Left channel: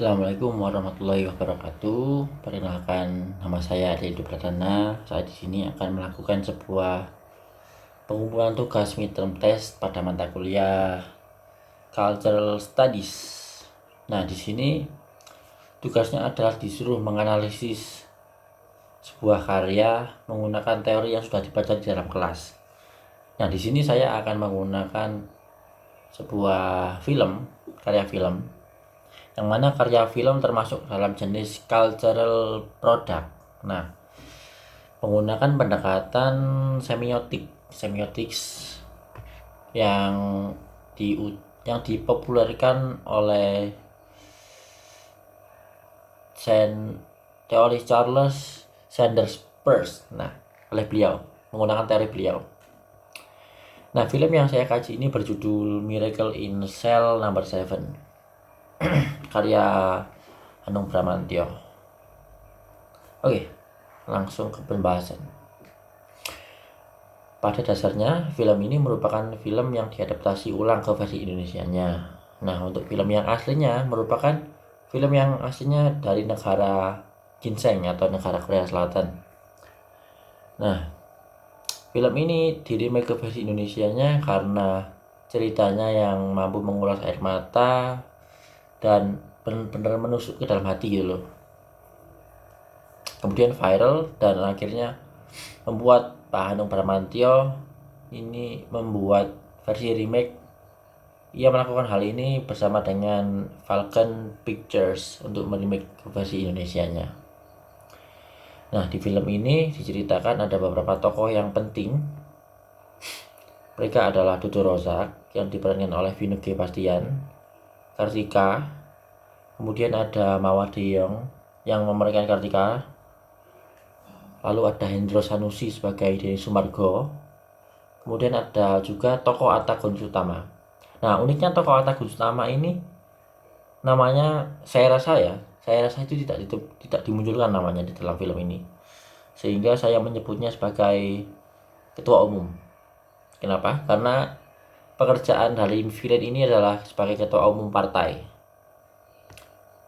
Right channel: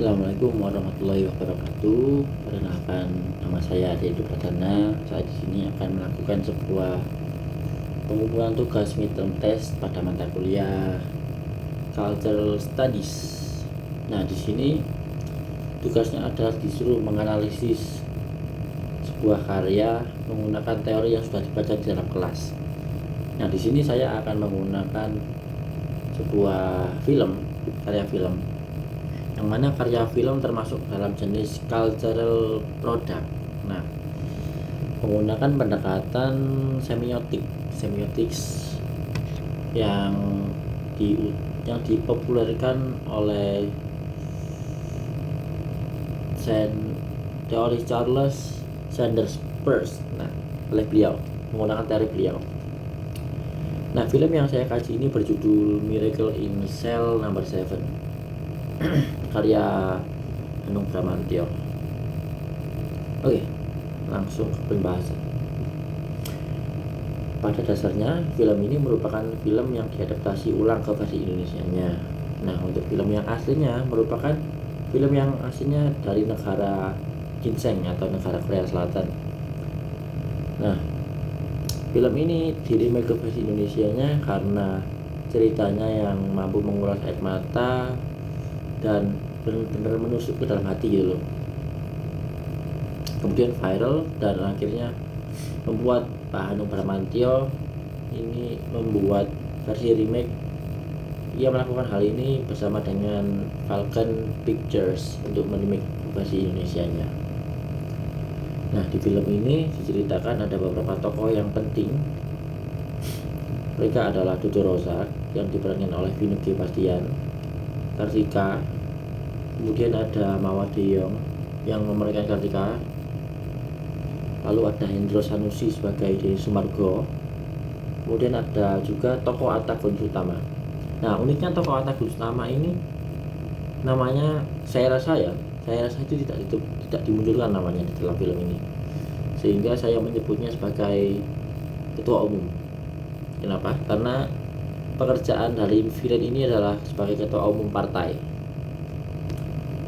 Assalamualaikum warahmatullahi wabarakatuh. Perkenalkan, nama saya Ade Pradana. Saya di sini akan melakukan sebuah pengumpulan tugas midterm test pada mata kuliah Cultural Studies. Nah, di sini tugasnya adalah disuruh menganalisis sebuah karya menggunakan teori yang sudah dibaca di dalam kelas. Nah, di sini saya akan menggunakan sebuah karya film, yang mana karya film termasuk dalam jenis cultural product. Nah, menggunakan pendekatan semiotics yang dipopulerkan oleh teori Charles Sanders Peirce. Nah, oleh beliau, menggunakan teori beliau. Nah, film yang saya kaji ini berjudul Miracle in Cell Number 7, karya Hanung Bramantyo. Oke, langsung ke pembahasan. Pada dasarnya, film ini merupakan film yang diadaptasi ulang ke versi Indonesianya. Nah, untuk film yang aslinya merupakan film yang aslinya dari negara ginseng atau negara Korea Selatan. Nah, film ini di-remake ke versi Indonesianya karena ceritanya yang mampu menguras air mata dan benar-benar menusuk ke dalam hati gitu loh. Kemudian viral dan akhirnya membuat Pak Hanung Bramantyo ini membuat versi remake. Ia melakukan hal ini bersama dengan Falcon Pictures untuk meremake versi Indonesianya. Nah, di film ini diceritakan ada beberapa tokoh yang penting. Mereka adalah Dudu Rozak yang diperankan oleh Vino G. Bastian, Kartika, kemudian ada Mawar Deyong yang memerankan Kartika, lalu ada Hendro Sanusi sebagai Deni Sumargo, kemudian ada juga tokoh Atta Gunsutama. Nah, uniknya tokoh Atta Gunsutama ini namanya saya rasa itu tidak dimunculkan namanya di dalam film ini, sehingga saya menyebutnya sebagai ketua umum. Kenapa? Karena pekerjaan dari villain ini adalah sebagai ketua umum partai.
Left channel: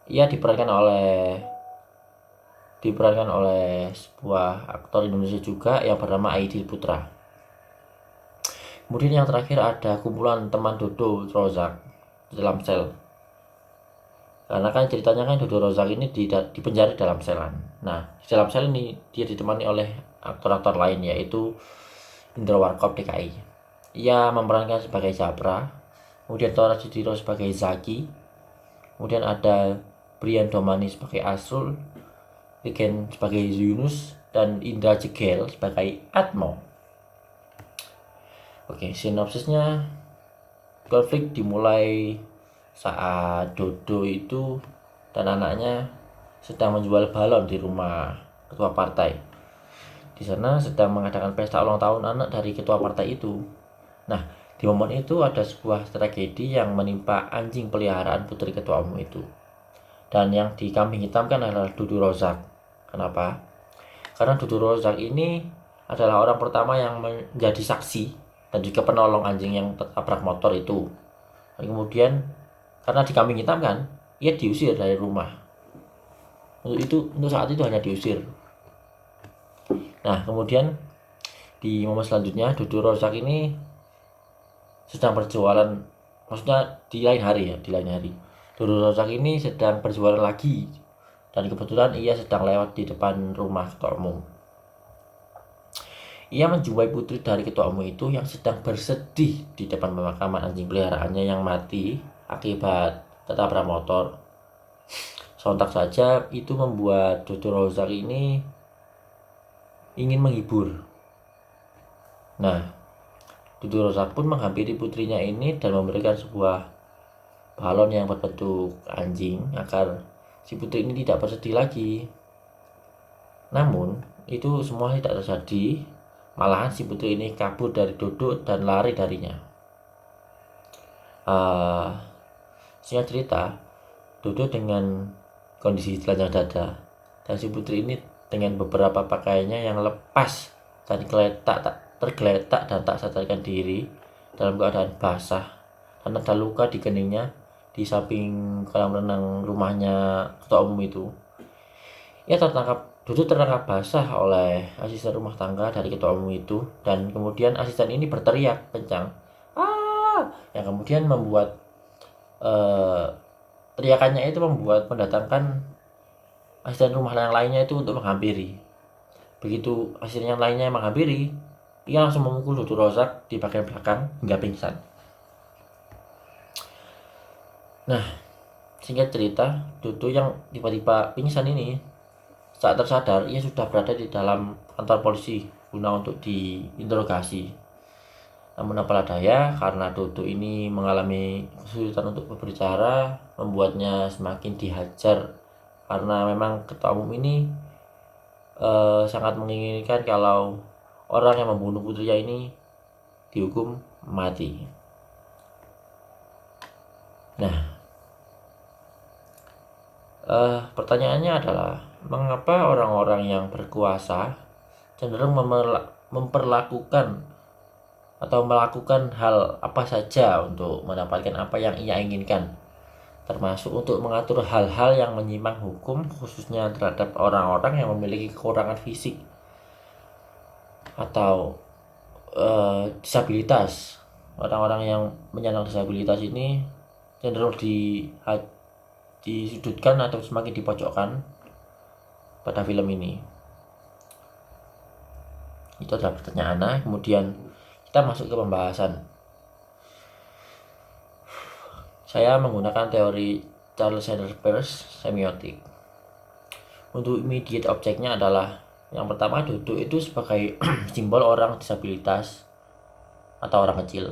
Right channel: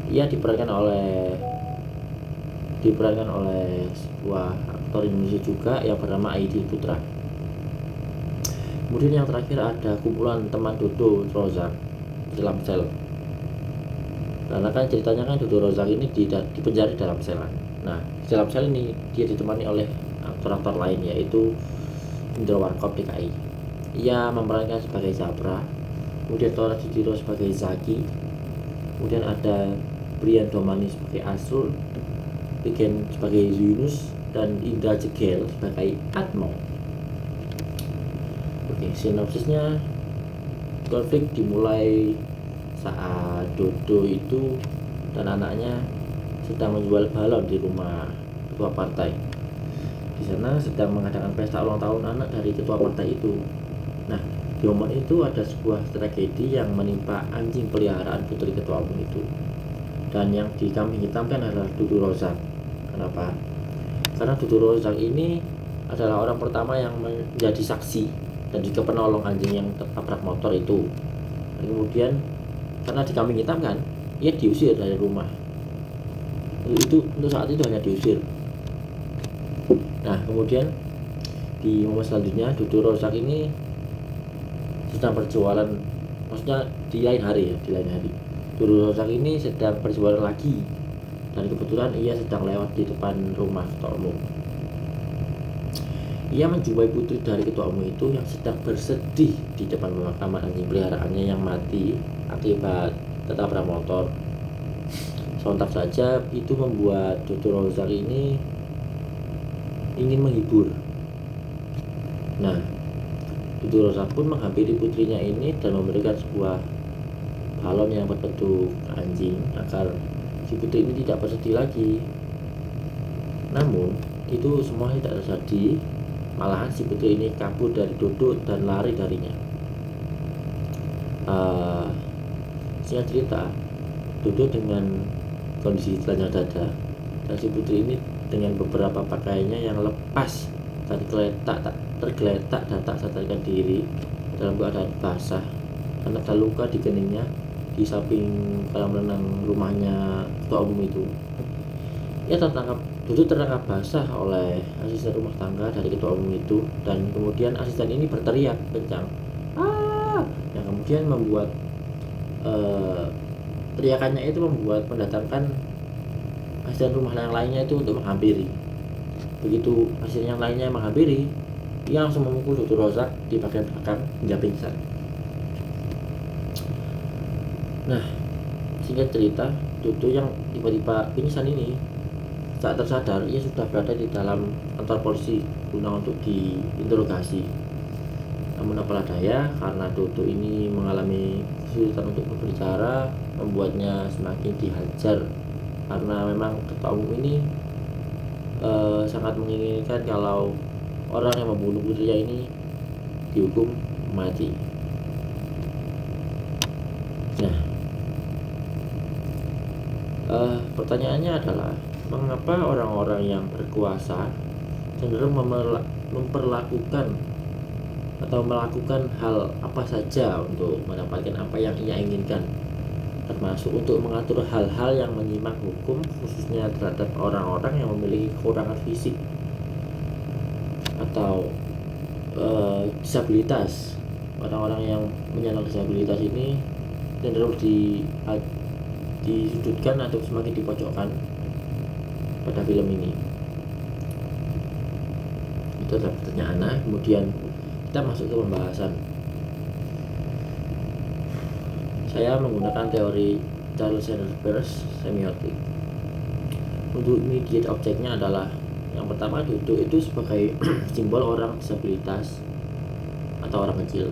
Ia diperankan oleh sebuah aktor Indonesia juga yang bernama Aidil Putra. Kemudian yang terakhir ada kumpulan teman Dodo Rozak di dalam sel. Karena kan ceritanya kan Dodo Rozak ini dipenjara dalam selan. Nah, di dalam sel ini dia ditemani oleh aktor-aktor lain, yaitu Indro Warkop DKI. Ia memerankan sebagai Japra, kemudian Tora Sudiro sebagai Zaki, kemudian ada Brian Domani sebagai Asrul, Piken sebagai Yunus, dan Indra Jegel sebagai Atmo. Oke, sinopsisnya, konflik dimulai saat Dodo itu dan anaknya sedang menjual balon di rumah ketua partai. Di sana sedang mengadakan pesta ulang tahun anak dari ketua partai itu. Nah, di momen itu ada sebuah tragedi yang menimpa anjing peliharaan putri ketua umum itu. Dan yang dikambing hitamkan adalah Dudu Rozak. Kenapa? Karena Dudu Rozak ini adalah orang pertama yang menjadi saksi dan juga penolong anjing yang tertabrak motor itu. Dan kemudian karena dikambing hitamkan, ia diusir dari rumah. Untuk saat itu hanya diusir. Nah, kemudian di momen selanjutnya Dudu Rozak ini sedang berjualan, maksudnya di lain hari. Dudu Rozak ini sedang berjualan lagi, dan kebetulan ia sedang lewat di depan rumah ketua umum. Ia menjumpai putri dari ketua umum itu yang sedang bersedih di depan pemakaman anjing peliharaannya yang mati akibat tertabrak motor. Sontak saja itu membuat Dudu Rozak ini ingin menghibur. Nah, Dudu Rozak pun menghampiri putrinya ini dan memberikan sebuah balon yang berbentuk anjing agar si putri ini tidak bersedih lagi. Namun itu semua tidak terjadi, malahan si putri ini kabur dari Dodo dan lari darinya. Singkat cerita, Dodo dengan kondisi telanjang dada dan si putri ini dengan beberapa pakaiannya yang lepas dan tergeletak dan tak sadarkan diri dalam keadaan basah karena ada luka di keningnya di samping kolam renang rumahnya ketua umum itu. Dudu tertangkap basah oleh asisten rumah tangga dari ketua umum itu, dan kemudian asisten ini berteriak kencang, ah, yang kemudian membuat teriakannya itu membuat mendatangkan asisten rumah yang lainnya itu untuk menghampiri. Begitu asisten yang lainnya menghampiri, dia langsung memukul Dudu Rozak di bagian belakang hingga pingsan. Nah, singkat cerita, Dudu yang tiba-tiba pingsan ini, saat tersadar ia sudah berada di dalam kantor polisi guna untuk diinterogasi. Namun apalah daya, karena Dudu ini mengalami kesulitan untuk berbicara, membuatnya semakin dihajar, karena memang ketua umum ini sangat menginginkan kalau orang yang membunuh putrinya ini dihukum mati. Nah, pertanyaannya adalah, mengapa orang-orang yang berkuasa cenderung memperlakukan atau melakukan hal apa saja untuk mendapatkan apa yang ia inginkan, termasuk untuk mengatur hal-hal yang menyimak hukum, khususnya terhadap orang-orang yang memiliki kekurangan fisik atau disabilitas. Orang-orang yang menyandang disabilitas ini cenderung disudutkan atau semakin dipojokkan pada film ini. Itu adalah pertanyaan. Nah, kemudian kita masuk ke pembahasan. Saya menggunakan teori Charles Sanders Peirce semiotik. Untuk immediate objeknya adalah, yang pertama, Dudu itu sebagai simbol orang disabilitas atau orang kecil.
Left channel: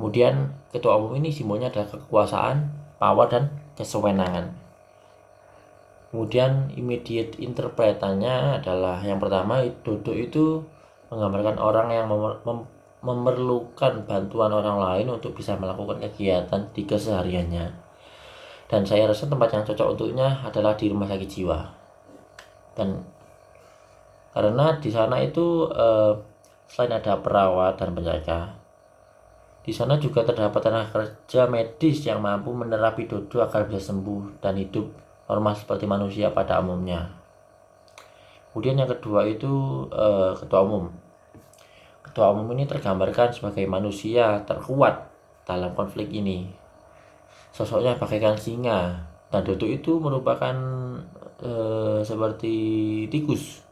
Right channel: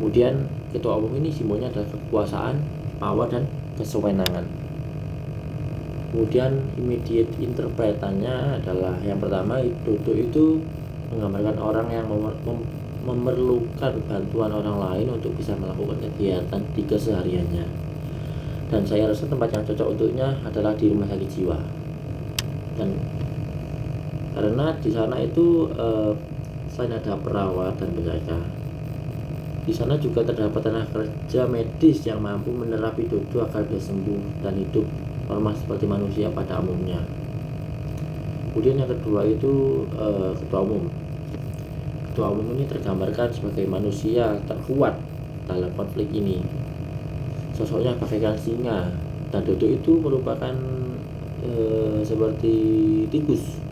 Kemudian ketua umum ini simbolnya adalah kekuasaan, power, dan kesewenangan. Kemudian immediate interpretannya adalah, yang pertama, Dudu itu menggambarkan orang yang memerlukan bantuan orang lain untuk bisa melakukan kegiatan di kesehariannya. Dan saya rasa tempat yang cocok untuknya adalah di rumah sakit jiwa. Dan karena di sana itu selain ada perawat dan penjaga, di sana juga terdapat tenaga kerja medis yang mampu menerapi Dudu agar bisa sembuh dan hidup normal seperti manusia pada umumnya. Kemudian yang kedua itu ketua umum. Ketua umum ini tergambarkan sebagai manusia terkuat dalam konflik ini. Sosoknya bagaikan singa, dan Dudu itu merupakan seperti tikus.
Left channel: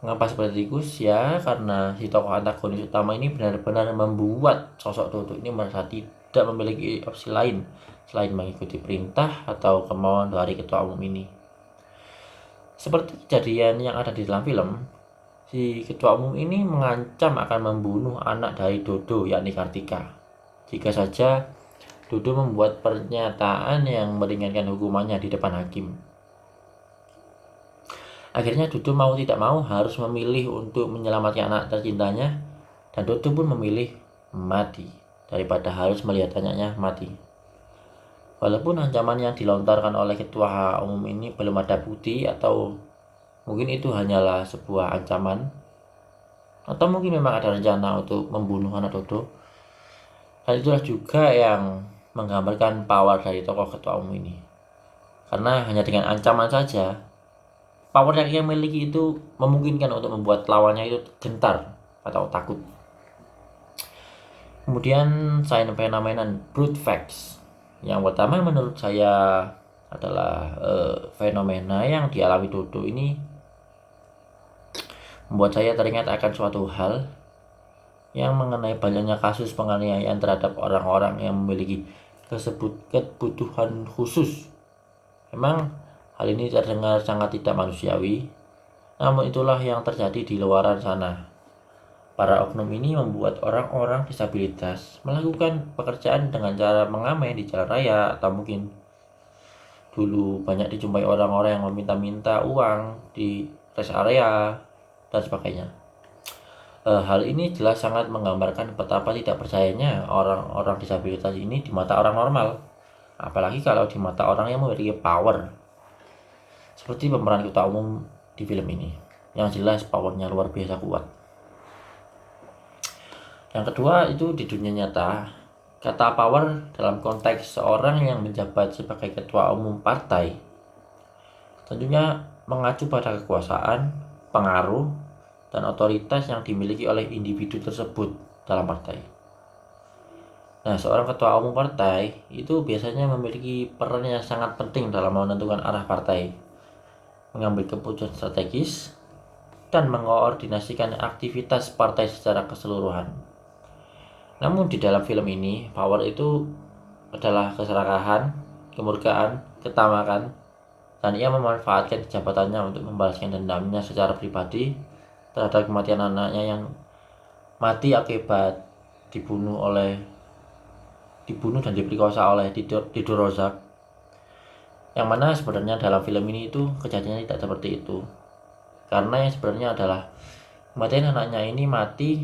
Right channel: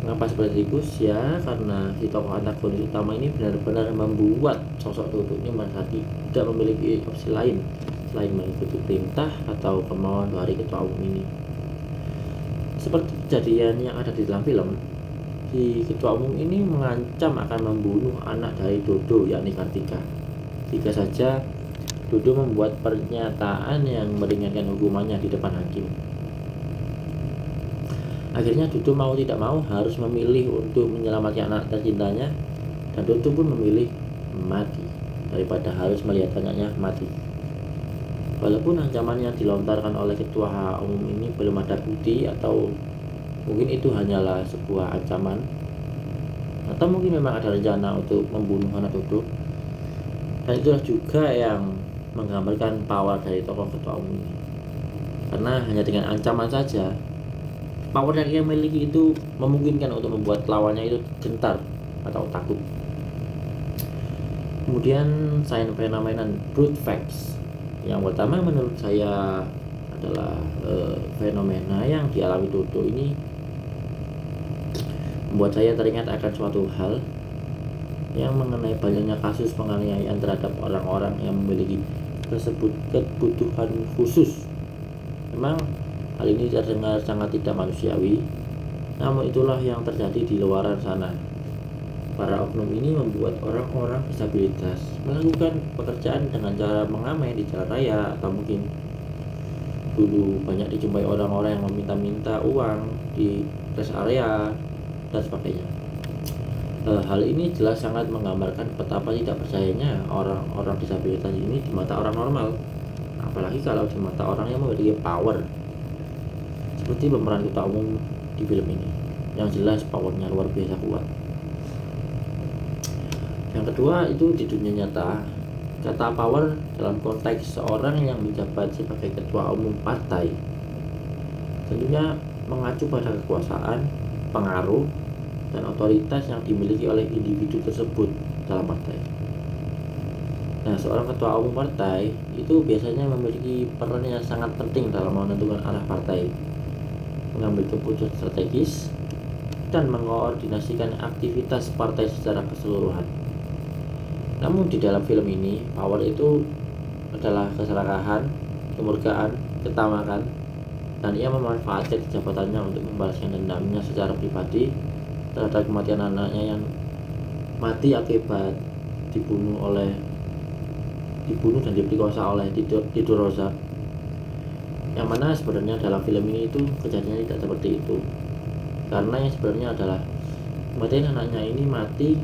Mengapa seperti tikus? Ya, karena si tokoh antagonis utama ini benar-benar membuat sosok Dudu ini merasa tidak memiliki opsi lain selain mengikuti perintah atau kemauan dari ketua umum ini. Seperti kejadian yang ada di dalam film, si ketua umum ini mengancam akan membunuh anak dari Dudu, yakni Kartika, jika saja Dudu membuat pernyataan yang meringankan hukumannya di depan hakim. Akhirnya Dudu mau tidak mau harus memilih untuk menyelamatkan anak tercintanya, dan Dudu pun memilih mati daripada harus melihat anaknya mati. Walaupun ancaman yang dilontarkan oleh ketua umum ini belum ada bukti, atau mungkin itu hanyalah sebuah ancaman, atau mungkin memang ada rencana untuk membunuh anak Dudu. Dan itulah juga yang menggambarkan power dari tokoh ketua umum ini. Karena hanya dengan ancaman saja, power yang ia miliki itu memungkinkan untuk membuat lawannya itu gentar atau takut. Kemudian science phenomenon brute facts. Yang pertama menurut saya adalah fenomena yang dialami Dudu ini membuat saya teringat akan suatu hal yang mengenai banyaknya kasus penganiayaan terhadap orang-orang yang memiliki kebutuhan khusus. Memang hal ini terdengar sangat tidak manusiawi, namun itulah yang terjadi di luaran sana. Para oknum ini membuat orang-orang disabilitas melakukan pekerjaan dengan cara mengamen di jalan raya, atau mungkin dulu banyak dijumpai orang-orang yang meminta-minta uang di rest area dan sebagainya. Hal ini jelas sangat menggambarkan betapa tidak percayanya orang-orang disabilitas ini di mata orang normal, apalagi kalau di mata orang yang memiliki power, seperti pemeran ketua umum di film ini, yang jelas powernya luar biasa kuat. Yang kedua itu di dunia nyata, Kata power dalam konteks seorang yang menjabat sebagai ketua umum partai tentunya mengacu pada kekuasaan, pengaruh, dan otoritas yang dimiliki oleh individu tersebut dalam partai. Nah, seorang ketua umum partai itu biasanya memiliki peran yang sangat penting dalam menentukan arah partai, mengambil keputusan strategis, dan mengkoordinasikan aktivitas partai secara keseluruhan. Namun di dalam film ini, power itu adalah keserakahan, kemurkaan, ketamakan, dan ia memanfaatkan jabatannya untuk membalaskan dendamnya secara pribadi terhadap kematian anaknya yang mati akibat dibunuh dan diperkosa oleh Dido Rozak. Yang mana sebenarnya dalam film ini itu kejadiannya tidak seperti itu, karena yang sebenarnya adalah kematian anaknya ini mati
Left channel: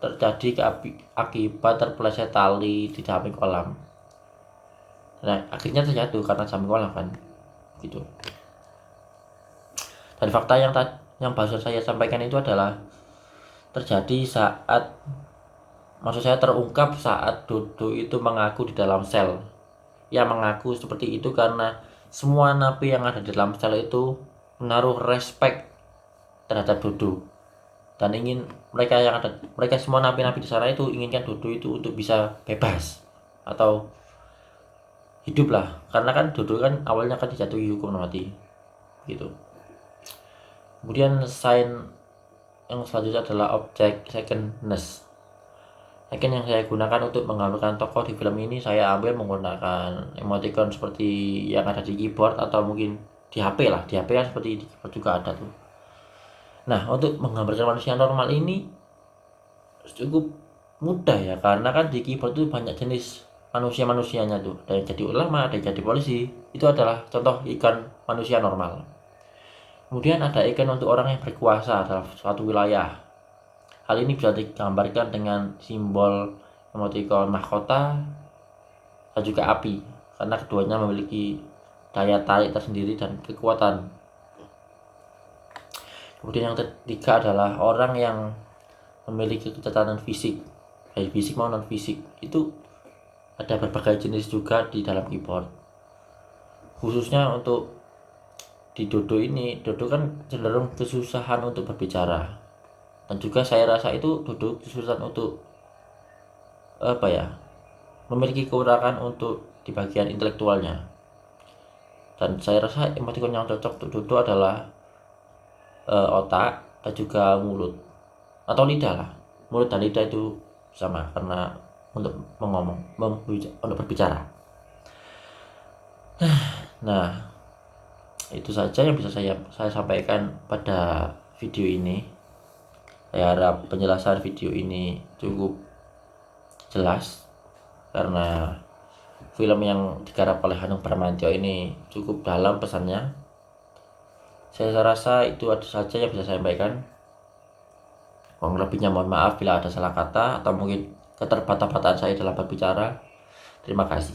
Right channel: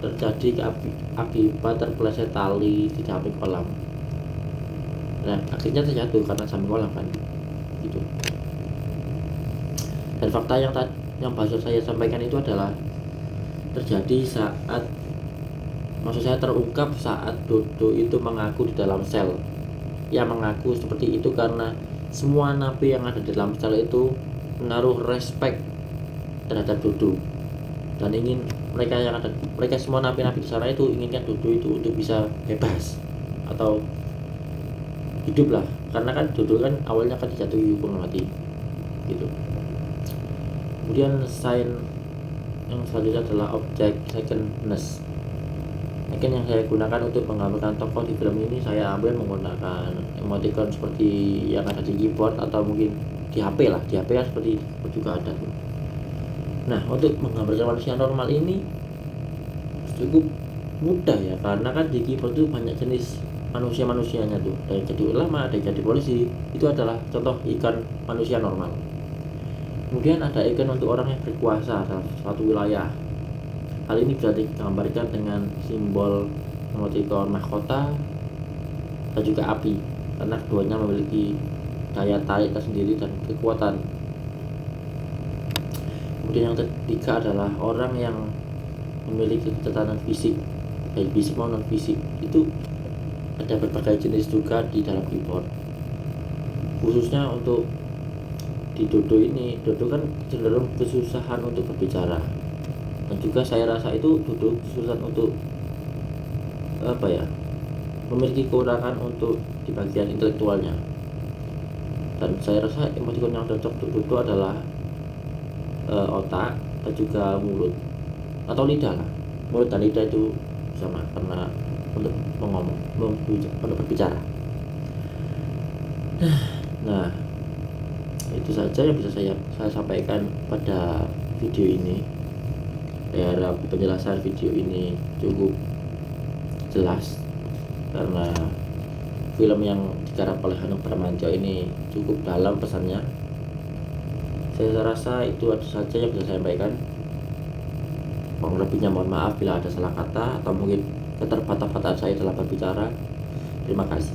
terjadi akibat terpeleset tali di samping kolam. Nah, akhirnya terjatuh karena samping kolam kan gitu. Dan fakta yang baru saya sampaikan itu adalah terjadi terungkap saat Dodo itu mengaku di dalam sel. Ia mengaku seperti itu karena semua napi yang ada di dalam sel itu menaruh respect terhadap Dodo, dan mereka semua napi-napi di sana itu inginkan Dodo itu untuk bisa bebas atau hidup lah, karena kan Dodo kan awalnya kan dijatuhi hukum mati gitu. Kemudian sign yang selanjutnya adalah object secondness. Mungkin yang saya gunakan untuk menggambarkan tokoh di film ini, saya ambil menggunakan emoticon seperti yang ada di keyboard atau mungkin di HP lah. Di HP kan seperti itu juga ada tuh. Nah, untuk menggambarkan manusia normal ini cukup mudah ya, karena kan di keyboard itu banyak jenis manusianya tuh. Ada yang jadi ulama, ada yang jadi polisi. Itu adalah contoh ikon manusia normal. Kemudian ada ikon untuk orang yang berkuasa dalam suatu wilayah. Hal ini bisa digambarkan dengan simbol emoticon mahkota dan juga api, karena keduanya memiliki daya tarik tersendiri dan kekuatan. Kemudian yang ketiga adalah orang yang memiliki kecacatan fisik, baik fisik maupun non fisik. Itu ada berbagai jenis juga di dalam keyboard. Khususnya untuk di Dodo ini, Dodo kan cenderung kesusahan untuk berbicara, dan juga saya rasa itu Dodo kesusahan untuk memiliki kekurangan untuk di bagian intelektualnya. Dan saya rasa emoticon yang cocok untuk Dodo adalah otak dan juga mulut atau lidah lah. Mulut dan lidah itu sama karena untuk untuk berbicara. Nah, itu saja yang bisa saya sampaikan pada video ini. Saya harap penjelasan video ini cukup jelas, karena film yang digarap oleh Hanung Bramantyo ini cukup dalam pesannya. Saya rasa itu saja yang bisa saya sampaikan. Kurang lebihnya mohon maaf bila ada salah kata atau mungkin keterbatasan saya dalam berbicara. Terima kasih.